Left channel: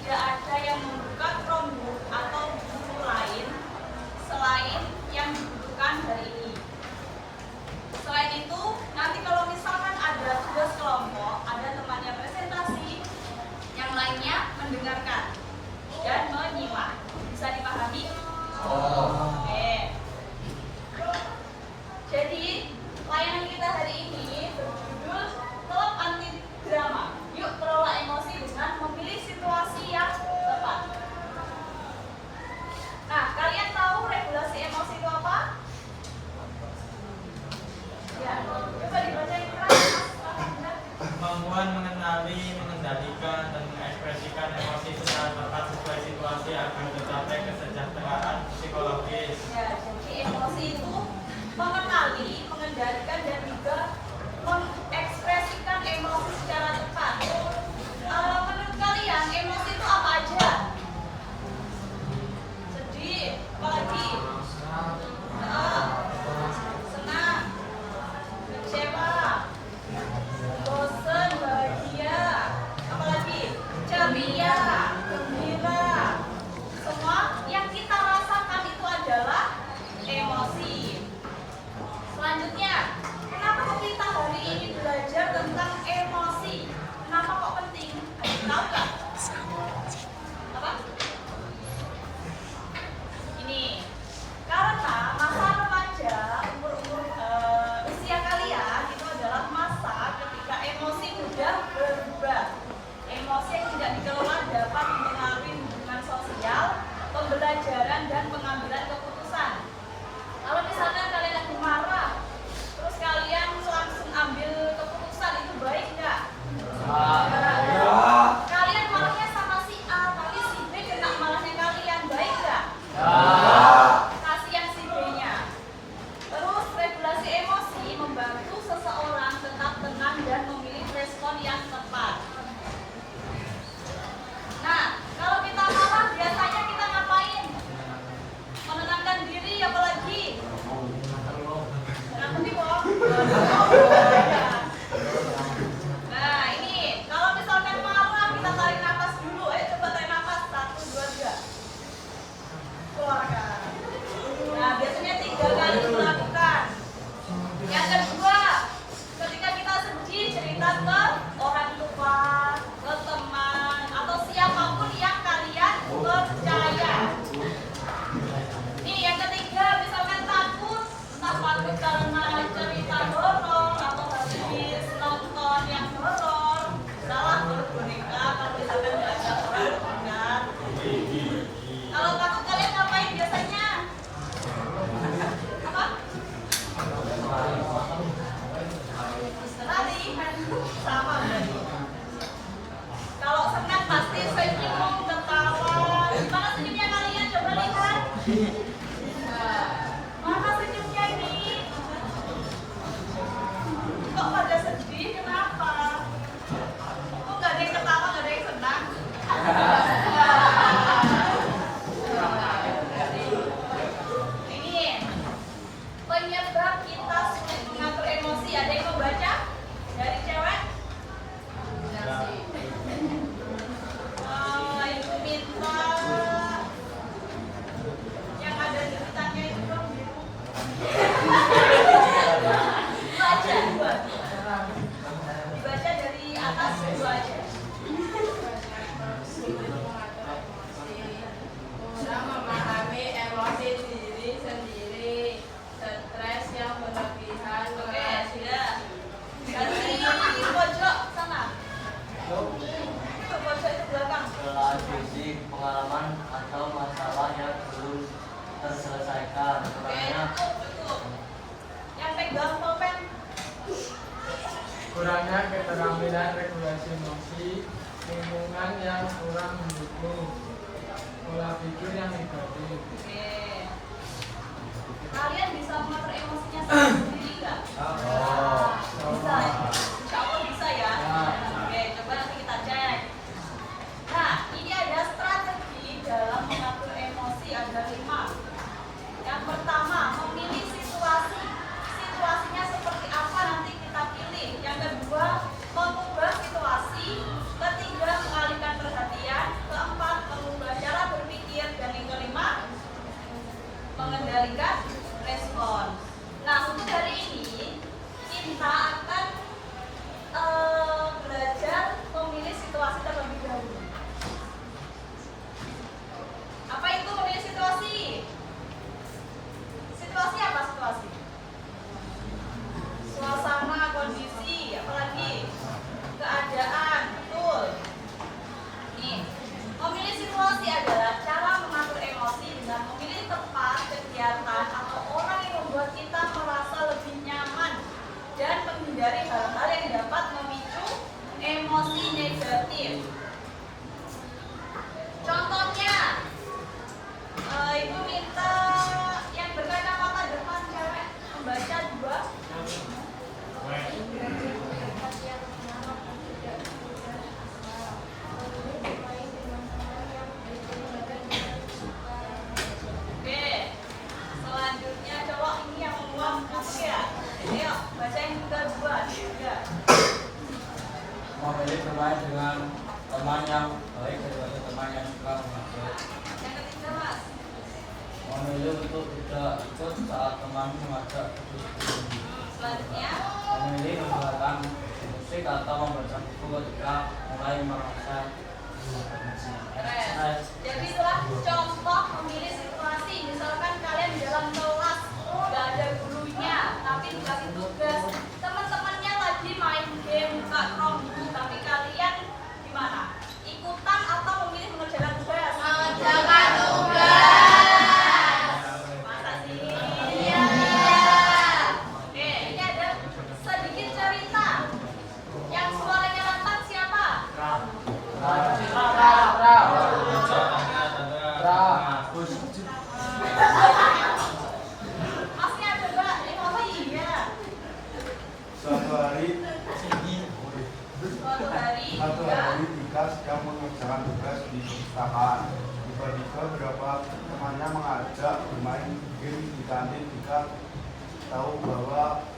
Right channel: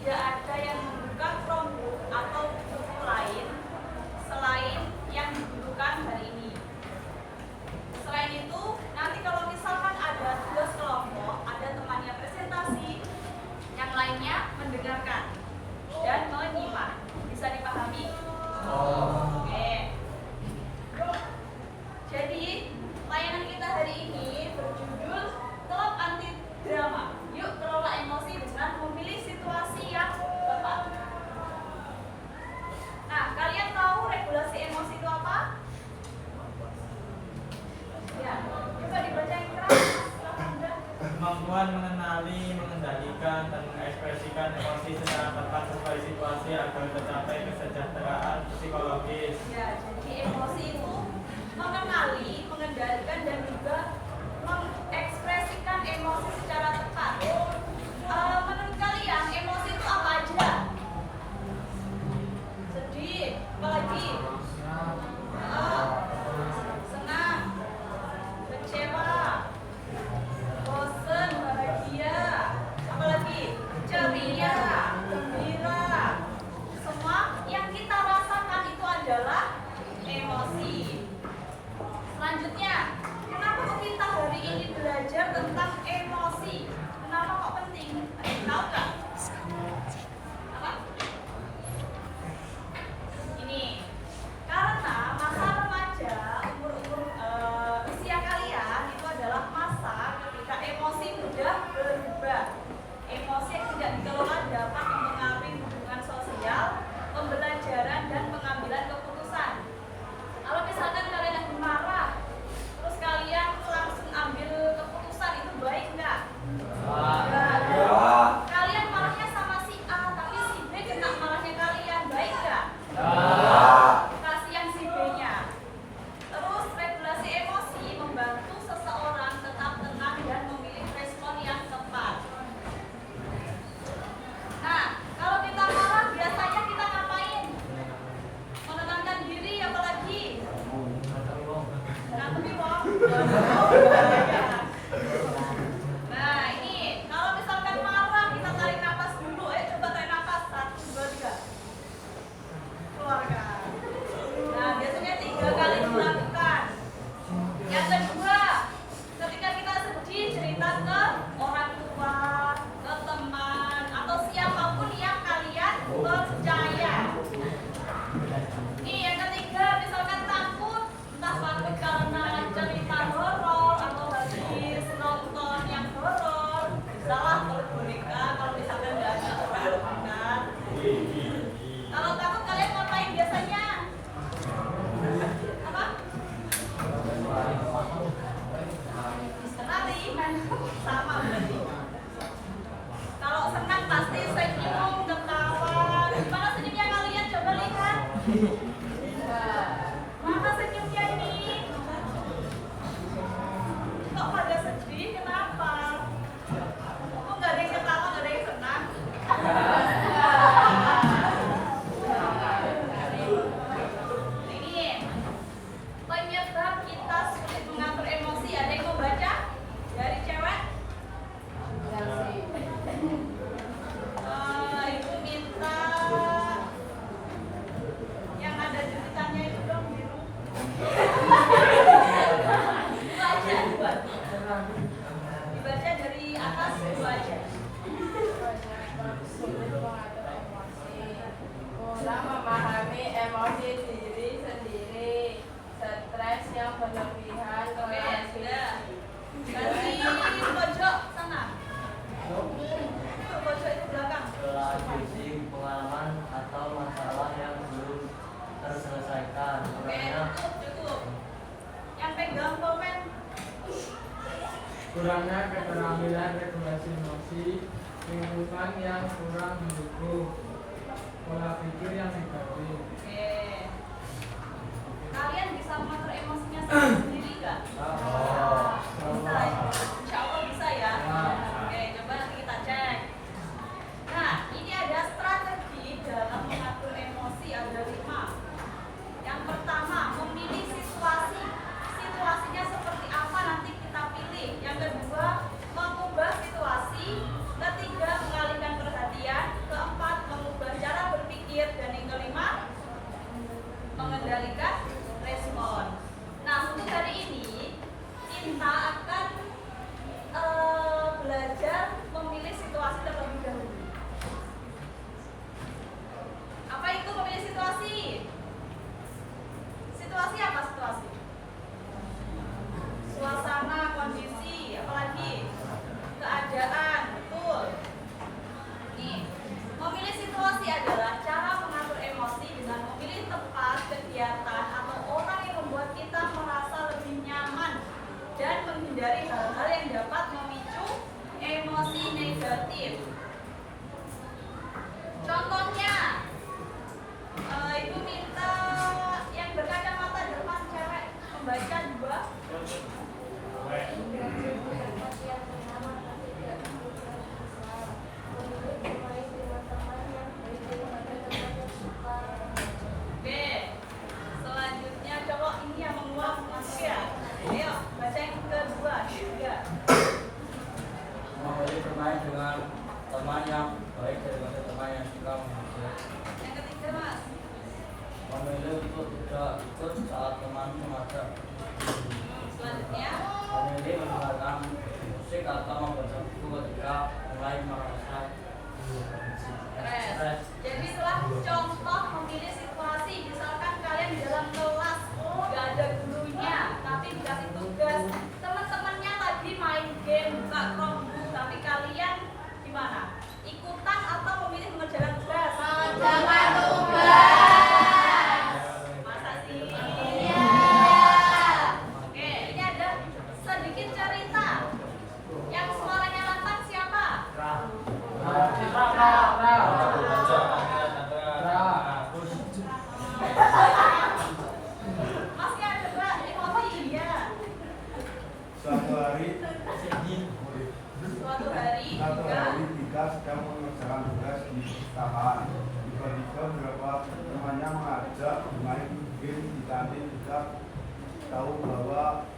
tidak ada yang membuka Chromebook atau buku lain selain yang dibutuhkan hari ini. Selain itu, nanti kalau misalkan ada tugas kelompok, ada temannya presentasi, yang lainnya mendengarkan dan menyimak. Bisa dipahami? Oke. Jadi, layanan kita hari ini berjudul Klub Anti Drama. Yuk kelola emosi dengan memilih situasi yang tepat. Nah, kalian tahu regulasi emosi itu apa? Ya, coba dibaca yang keras. Kemampuan mengenali, mengendalikan, dan mengekspresikan emosi secara tepat sesuai situasi agar tercapai kesejahteraan psikologis. Ya, jadi emosi itu mengenali, mengendalikan, dan juga mengekspresikan emosi secara tepat. Menurut kalian, emosi itu apa aja? Sedih, apalagi? Senang, kecewa, bosan, bahagia, apalagi? Ceria, gembira. Semua yang kita rasakan itu adalah emosi. Selanjutnya, kenapa kok kita hari ini belajar tentang emosi? Kenapa kok penting? Ada yang tahu nggak? Apa? Ini karena masa remaja, usia kalian itu adalah masa ketika emosi mudah berubah. Emosi yang tidak dikelola dapat mempengaruhi hubungan sosial, pembelajaran, dan pengambilan keputusan. Kalau misalkan kalian lagi marah, terus kalian langsung ambil keputusan, itu baik nggak? Kalian marahnya sama si A, tapi si B kena marahnya kalian, baik nggak? Kasihan si B-nya. Terus regulasi emosi membantu seseorang tetap tenang dan memilih respon yang tepat. Nah, kalau kita marah biasanya kita ngapain? Menenangkan diri, apalagi? Ngerti kok? Nah, ini kalau misalkan marah kita tarik nafas dulu. Ayo coba tarik nafas. 1, 2, 3. Keluarkan. Nah, biasanya 3 kali dilakukan. Yang kedua, ketika kita sedih, cerita ke orang tua, ke teman, atau siapapun yang kalian percaya. Nih, yang ketiga, misalkan takut, entah takut karena cerita horor atau habis nonton yang horor, salah peluk boneka kalau misalkan nggak ada orang dekat. Kalau takut kalian ngapain biasanya? Apa? Lari, sama berarti. Kalau senang pasti senyum, ketawa. Gimana senyumnya kalian? Coba lihat. Mana senyumnya ini? Kok pada sedih? Kenapa? Kok nggak ada yang ketawa, nggak ada yang senang? Ini penyebab kita sulit mengatur emosi. Ada yang mau baca? Dari cewek? Ibu minta yang ada tulisannya itu dong biru. Dibaca dua. Dibaca dari atas dua aja. Kurang memahami emosi diri sendiri, stres yang berlebihan, Oke, sudah. Dari pojok sana. Itu pojok itu belakang. Telah diisi pengalaman atau masalah yang belum terselesaikan. Oke, Makanya tutup. Yang pegang pulpen. Kurangnya keterampilan regulasi emosi, lingkungan yang kurang mendukung, pola pikir yang egois. Oke. Kalian bisa mengatur emosinya sendiri nggak? Bisa ya? Insya Allah bisa ya. Oke, coba nanti kita cek. Nah, ini ada strategi dalam mengatur emosi, ada 5. Yang pertama, memilih situasi. Situasinya seperti apa nanti kita pilih. Yang kedua, mengubah situasi. Ketiga, mengalihkan perhatian. Keempat, Memilih untuk tidak ikut saat teman mengajak Selanjutnya, memilih mendengarkan musik atau membaca buku ketika mulai merasa stres. Jadi itulah contoh memilih situasi. Misalkan kalian di dalam kelas nggak ada gurunya, tapi dikasih tugas. Teman-temannya tadi main game, buka Chromebook, tapi kalian gimana? Ikutan atau memilih mengerjakan tugas? Mengerjakan tugas. Masa sih? Iya. Oke, ini ada sedikit cerita. Yang suaranya lantang siapa? Masih ada Mbak? Apa iya? Suatu hari Suatu hari Dika sedang mengerjakan tugas di perpustakaan. Tiba-tiba beberapa temannya mengajak bermain game di kantin. Dika tahu bahwa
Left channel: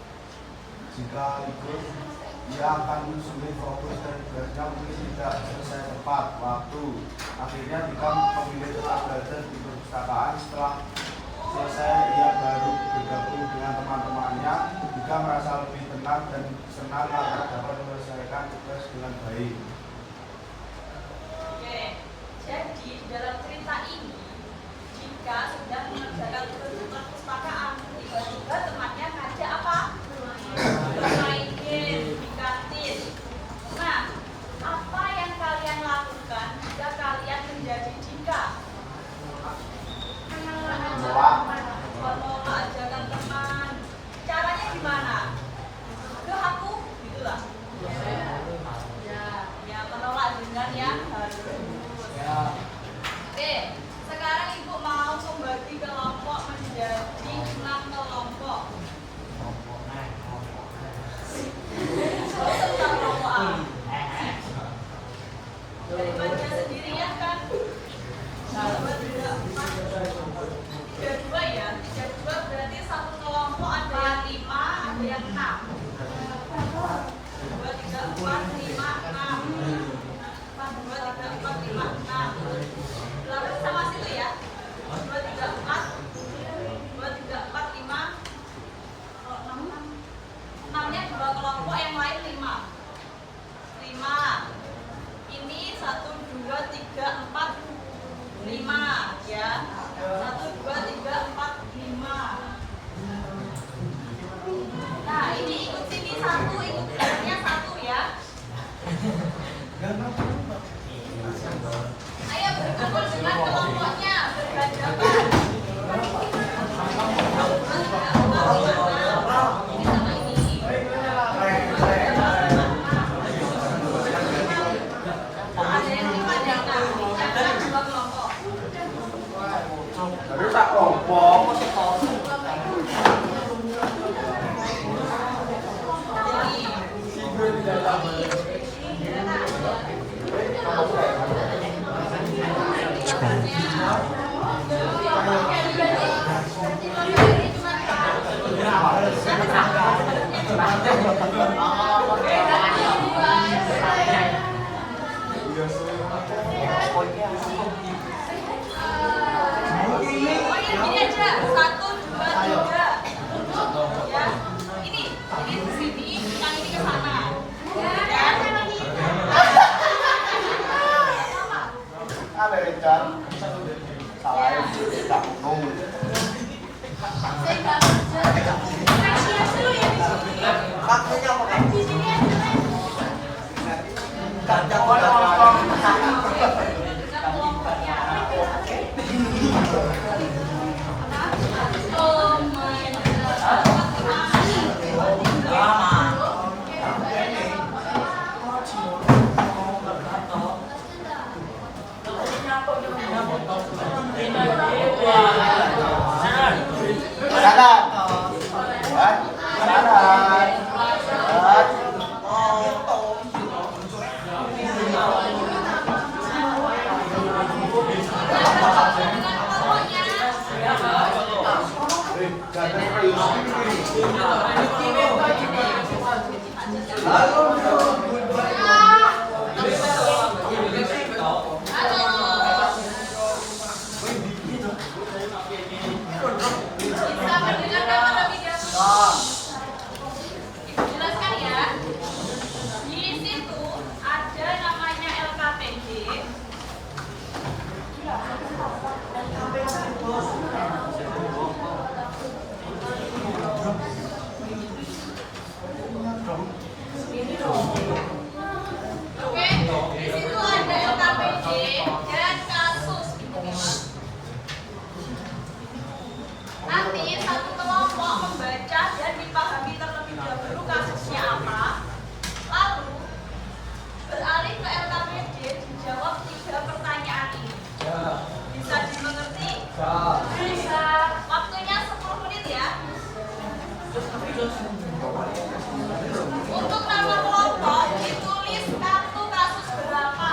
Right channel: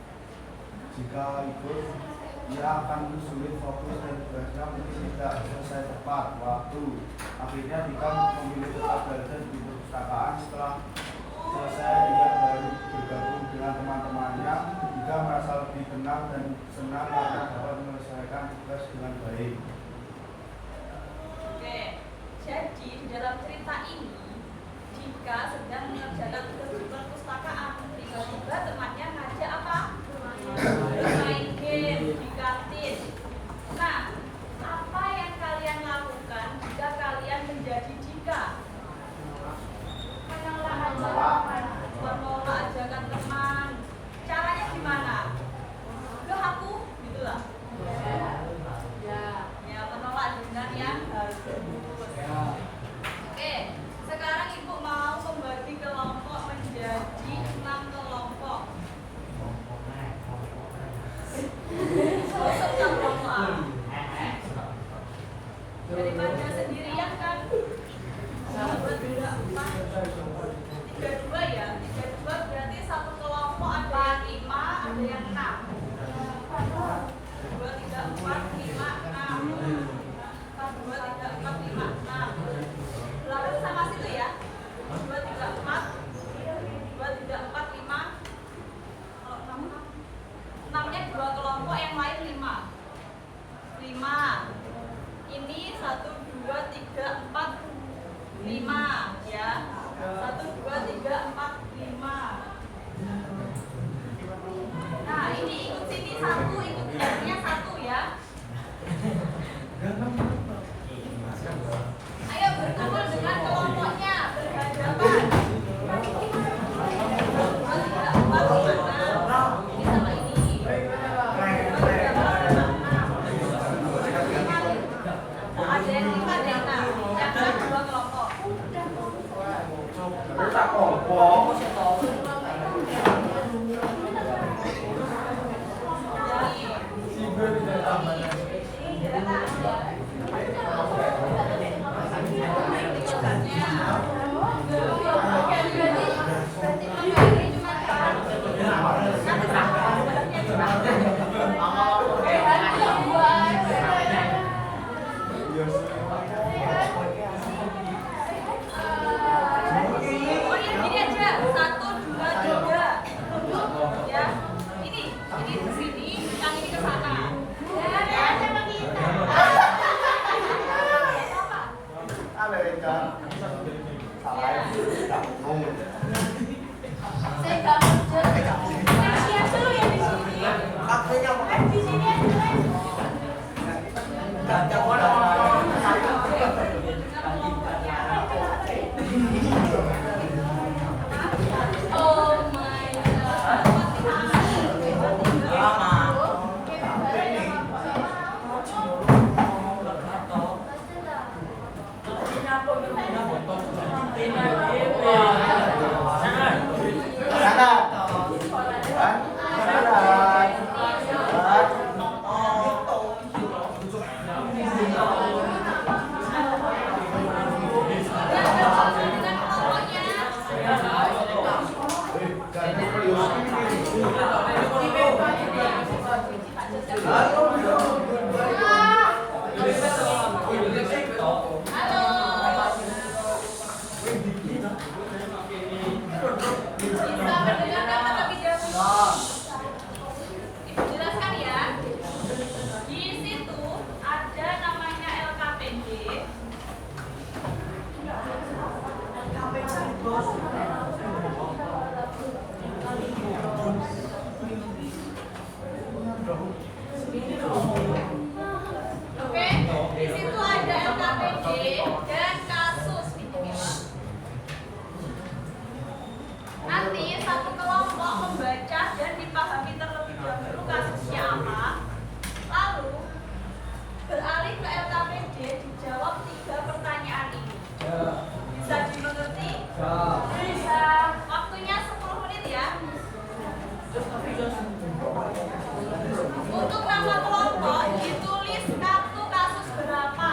jika ikut ia akan sulit fokus dan tugasnya mungkin tidak selesai tepat waktu. Akhirnya Dika memilih tetap belajar di perpustakaan. Setelah selesai ia baru bergabung dengan teman-temannya. Dika merasa lebih tenang dan senang karena dapat menyelesaikan tugas dengan baik. Oke, jadi di dalam cerita ini Dika sedang mengerjakan tugas di perpustakaan. Tiba-tiba temannya ngajak apa? Bermain game di kantin. Nah, apa yang kalian lakukan jika kalian menjadi Dika? Menolak ajakan teman. Caranya gimana? Ke aku, gitulah. Ya, menolak dengan yang harus. Oke, sekarang ibu mau membagi kelompok menjadi 6 kelompok. Peserta kelompok A. Daripada sendirian kan? 2, 3, 4, 3, 2 ya. 3, 2 berarti satu kelompok ada yang 5, ada yang 6. 2, 3, 4, 5, 6. 2, 3, 4, 5, 6. Belakang sama situ ya. 2, 3, 4. 2, 3, 4, 5. Kalau 6, 6-nya 2 kelompok, yang lain 5. 5. Ini 1, 2, 3, 4, 5 ya. 1, 2, 3, 4, 5. Nah, ini ikut sini 1, ikut sininya 1 ya. Ayo berkumpul dengan kelompoknya, berhadapan. Ini sama ini. Ada yang 5, ada yang 6. Kan 2 kelompok. Pokoknya gini aja, 1, 2, 3. Ya, ini ke sini, yang ini ke sana. Ya. Sama. Ada rencana. Ya. Oh my Sana. Oke, di situ ada LKPD dan kasus. Nanti satu kelompok membaca dan dipahami terlebih dahulu kasusnya apa, lalu beralih ke LKPD dijawab 3 pertanyaan ini. Bisa dimengerti? Bisa. Waktunya 10 menit ya. Untuk nama kelompok ditulis kartu kasus berapa.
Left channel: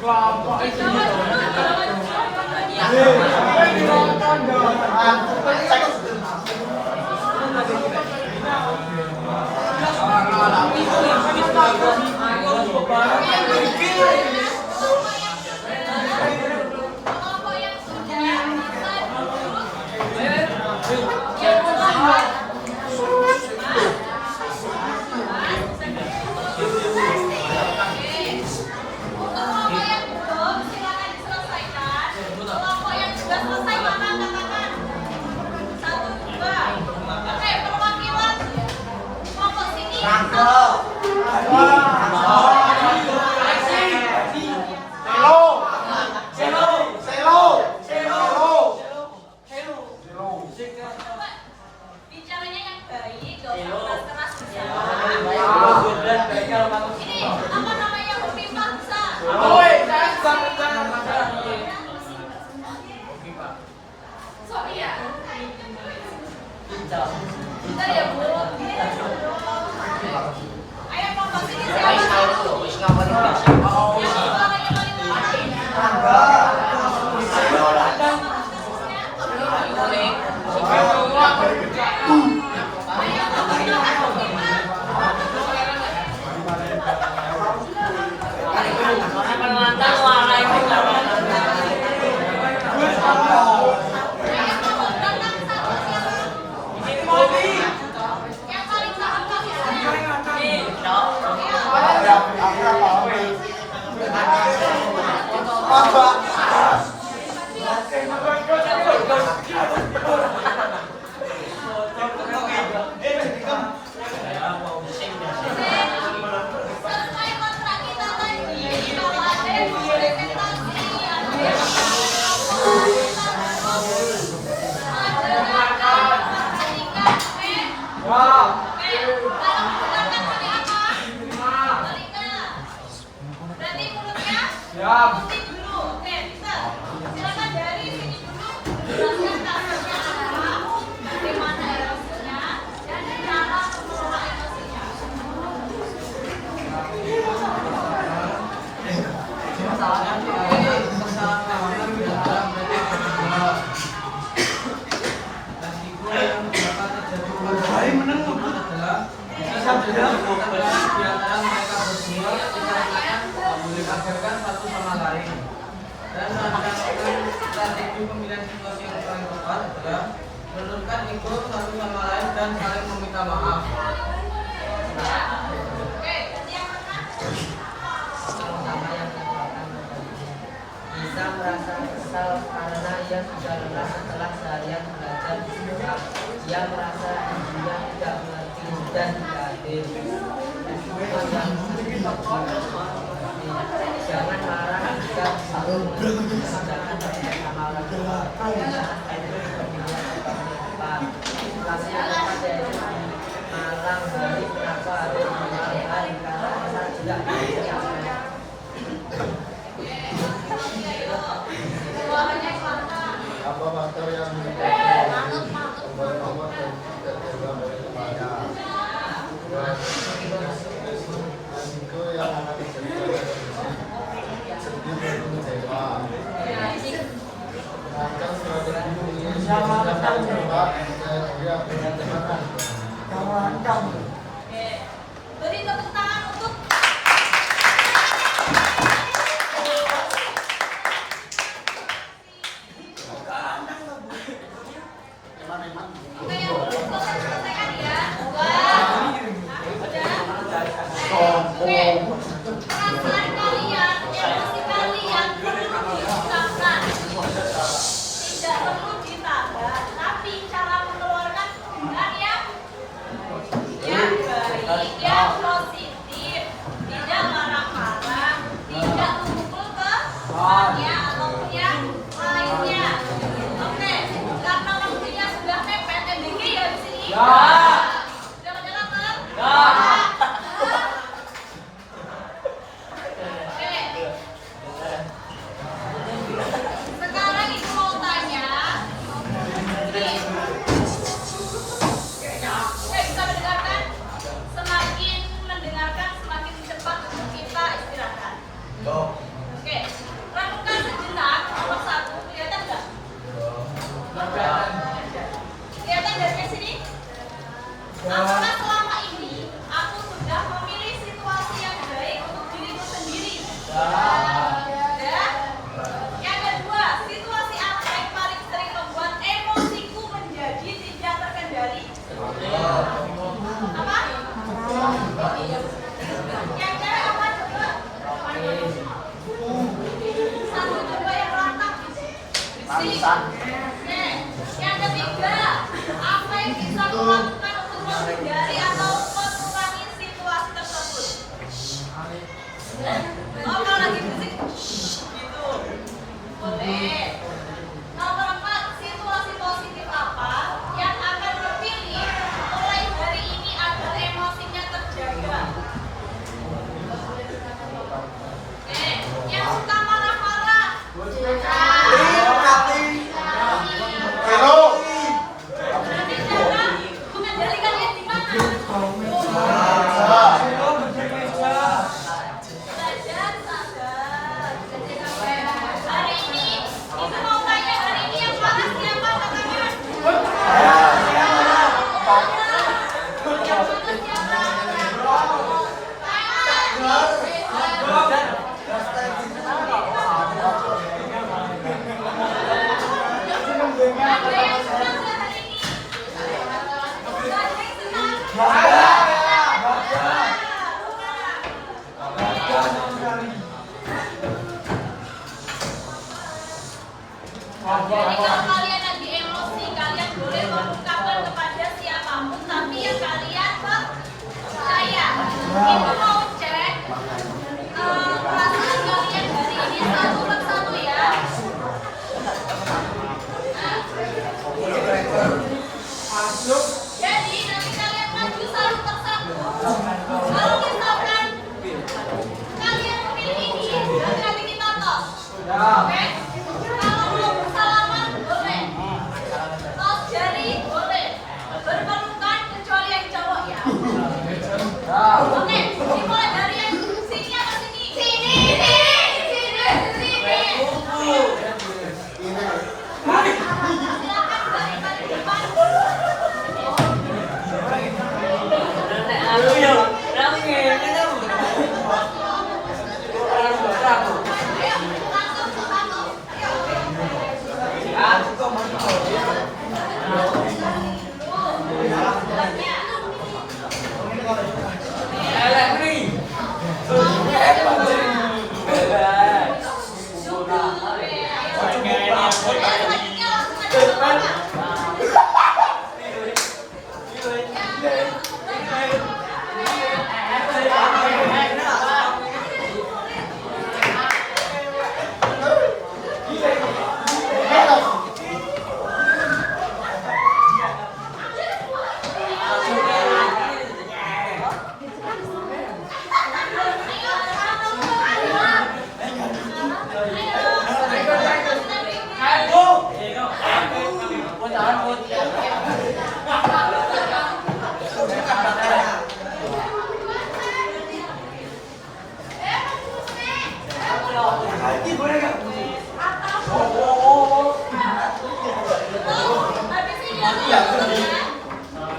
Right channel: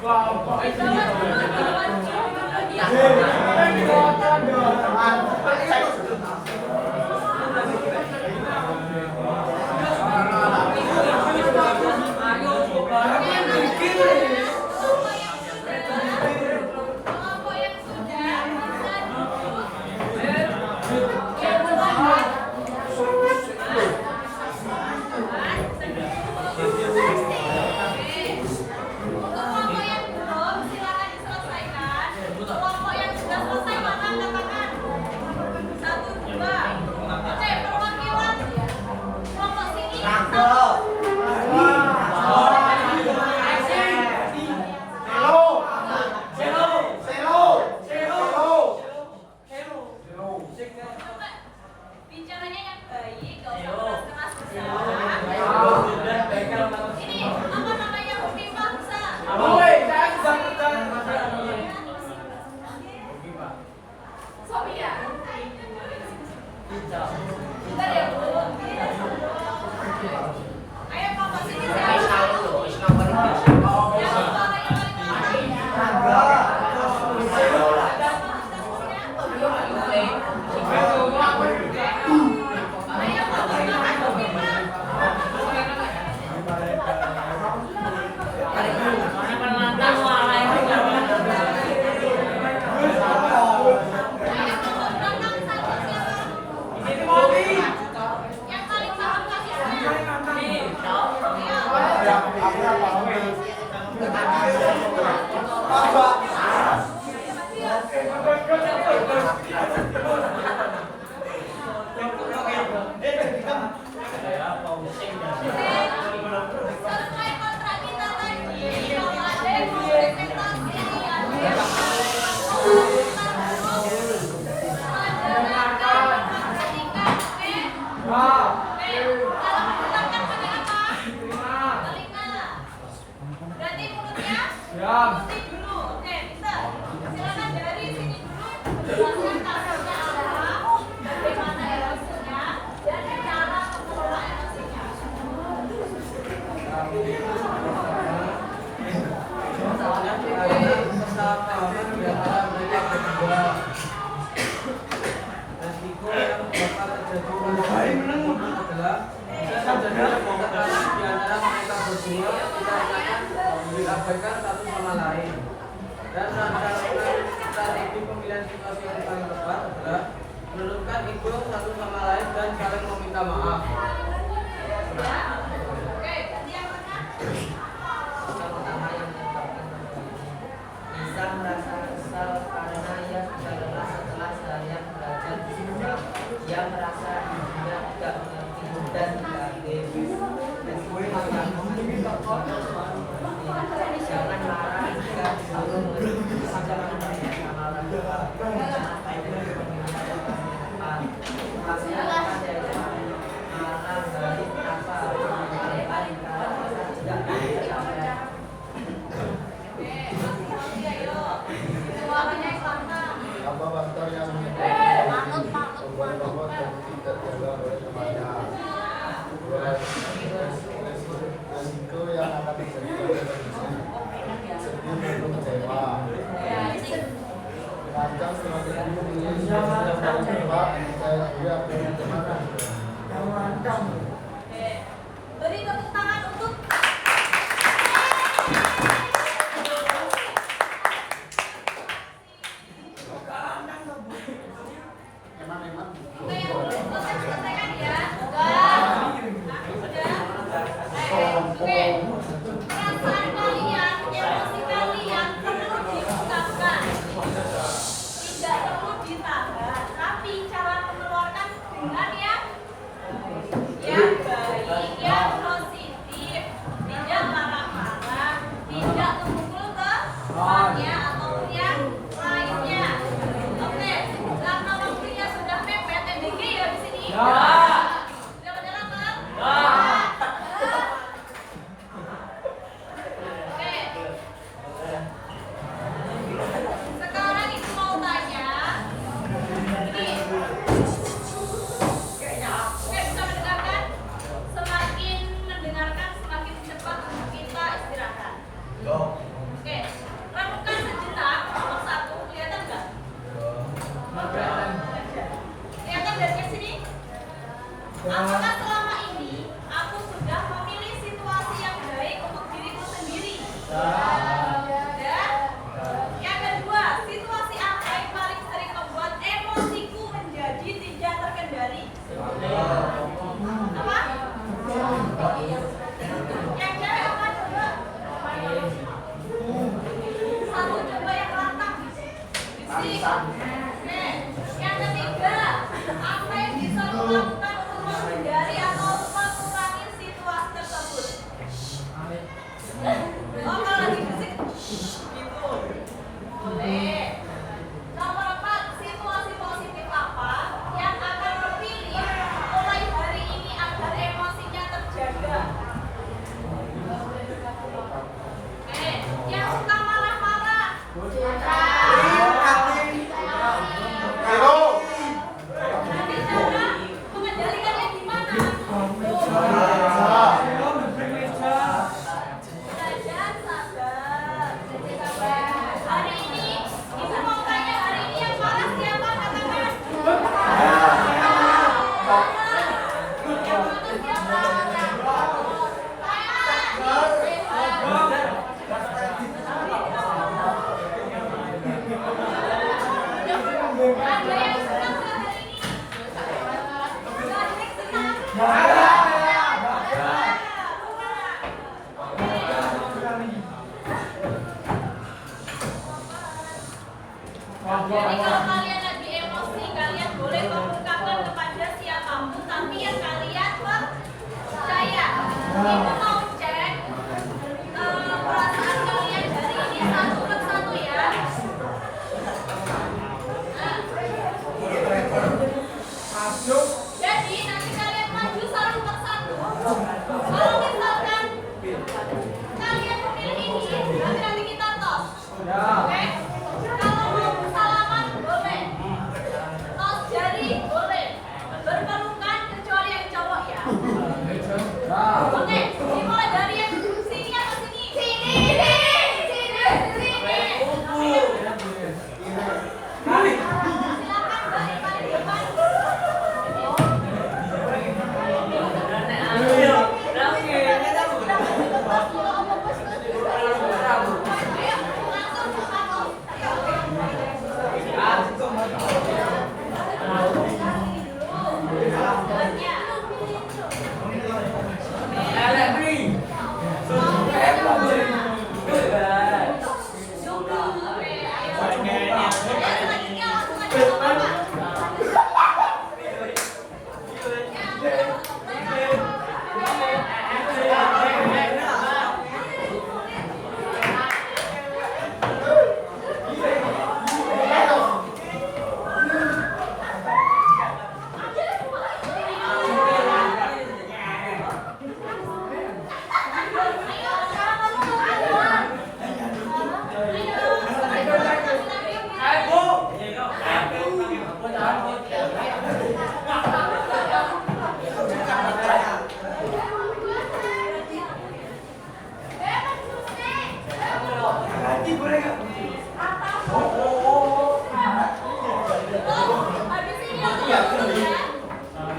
Kelompok yang sudah selesai duduk. Yang selamat. Untuk kelompok yang belum, silakan diselesaikan. Kelompok yang sudah selesai makan katakan. 1, 2. Oke, perwakilan kelompok sini. Coba bicaranya yang baik, gak usah keras-keras bersalah. Ini apa namanya hobi bangsa? Sophia. Bentar ya Bu. Ayo kelompok sini siapa? Yang paling paham kasusnya. Sesuai kontrak kita tadi, kalau ada yang mau presentasi, ada yang mau mendengarkan, memperhatikan, oke? Oke, kalau mendengarkan pakai apa? Telinga. Berarti mulutnya putih dulu, oke? Bisa. Silakan dari sini dulu. Jelaskan kasusnya apa, bagaimana erosinya, dan cara mengelola erosinya. Diajarkan satu sama lain dan rancangan strategi pemilihan situasi yang paling tepat adalah menurunkan ego satu sama lain dan saling meminta maaf. Oke, ganti yang mana? Terutama yang katakan bisa merasa kesal karena ia sudah lelah setelah seharian belajar di sekolah. Ia merasa dirinya tidak mengerti dan tidak adil. Jangan marah jika belum mengerjakan bersama orang tua. Jangan pendek pemilihan tepat. Laksanakan dari malam hari kenapa harus malam hari karena kita tidak bisa capek. Apa faktor yang menyebabkan membuat robot dan tidak dijaga oleh temannya? Resiko yang akan terjadi pada kondisi sedih dan kecewa. Rancang strategi memilih situasi yang paling tepat saya kira perlu ditemakan. Beri tepuk tangan untuk selesaikan ya. Perasaan kalian, emosi kalian perlu diungkapkan, tidak perlu ditahan, tapi cara mengeluarkan dengan Nih, yang ketiga, apa yang bisa lo lakukan untuk menghindari atau mengurangi situasi tersebut? Oh, kalau lagi berisik, gitu. Boleh. Nomor 4, situasi positif apa yang akan dipilih mulai hari ini agar emosinya terjaga? Oke, yang suka marah-marah. Nanti cara mengendalikannya gimana? Belajar sabar. Hari ini, Ibu mau tanya hari ini yang marah siapa? Katakan. Yang mana siapa? Ada yang senang nggak hari ini? Nggak ada yang senang. Jadi kalau kalian lagi emosi, kalian boleh mengungkapkan kepada siapapun, tapi yang kalian percaya. Itu mau cek perasaan kalian hari ini satu persatu ya. Jadi nanti kalian maju satu persatu. Kalau misalkan kalian memilih ini, nanti kita tos. Oke? Kalau mau bersalaman boleh, tos jari boleh, berpelukan kecuali yang cowok ya. Oke, dimulai dari yang sini atau sini? Sini. Silakan balik depan. Ayo, satu. Habis ini langsung ya.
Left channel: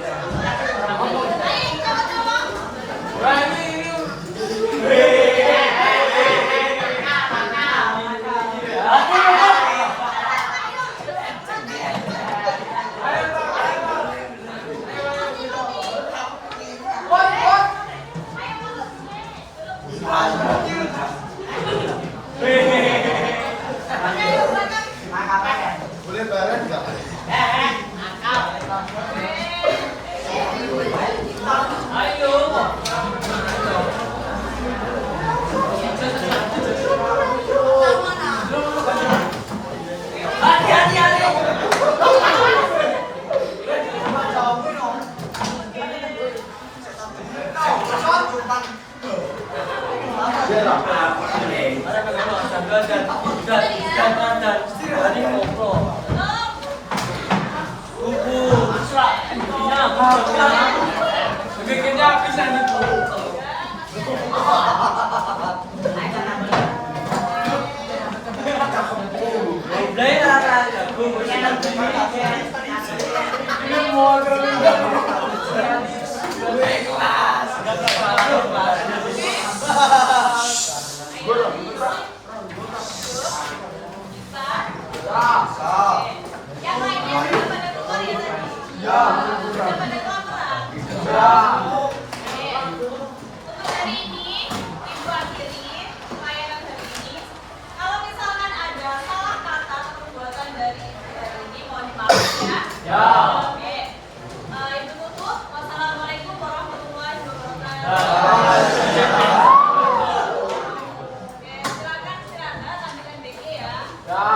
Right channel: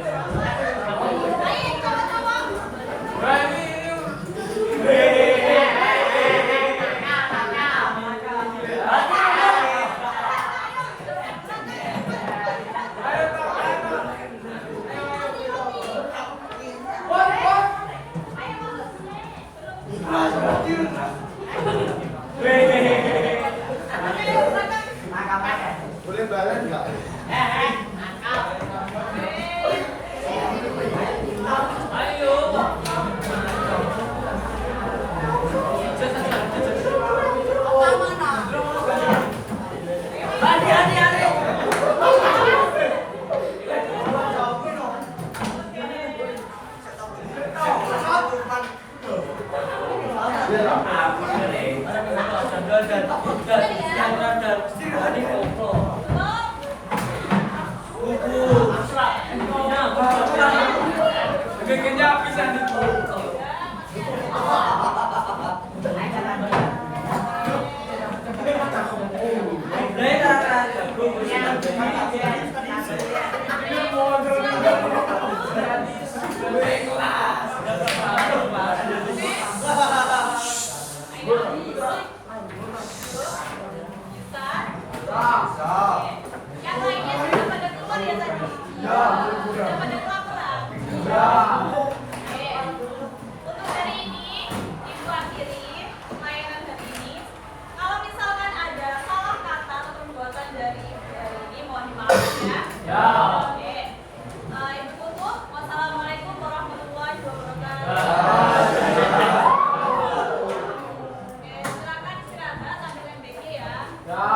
Ayo cowok-cowok. Boleh balen nggak? Ini mau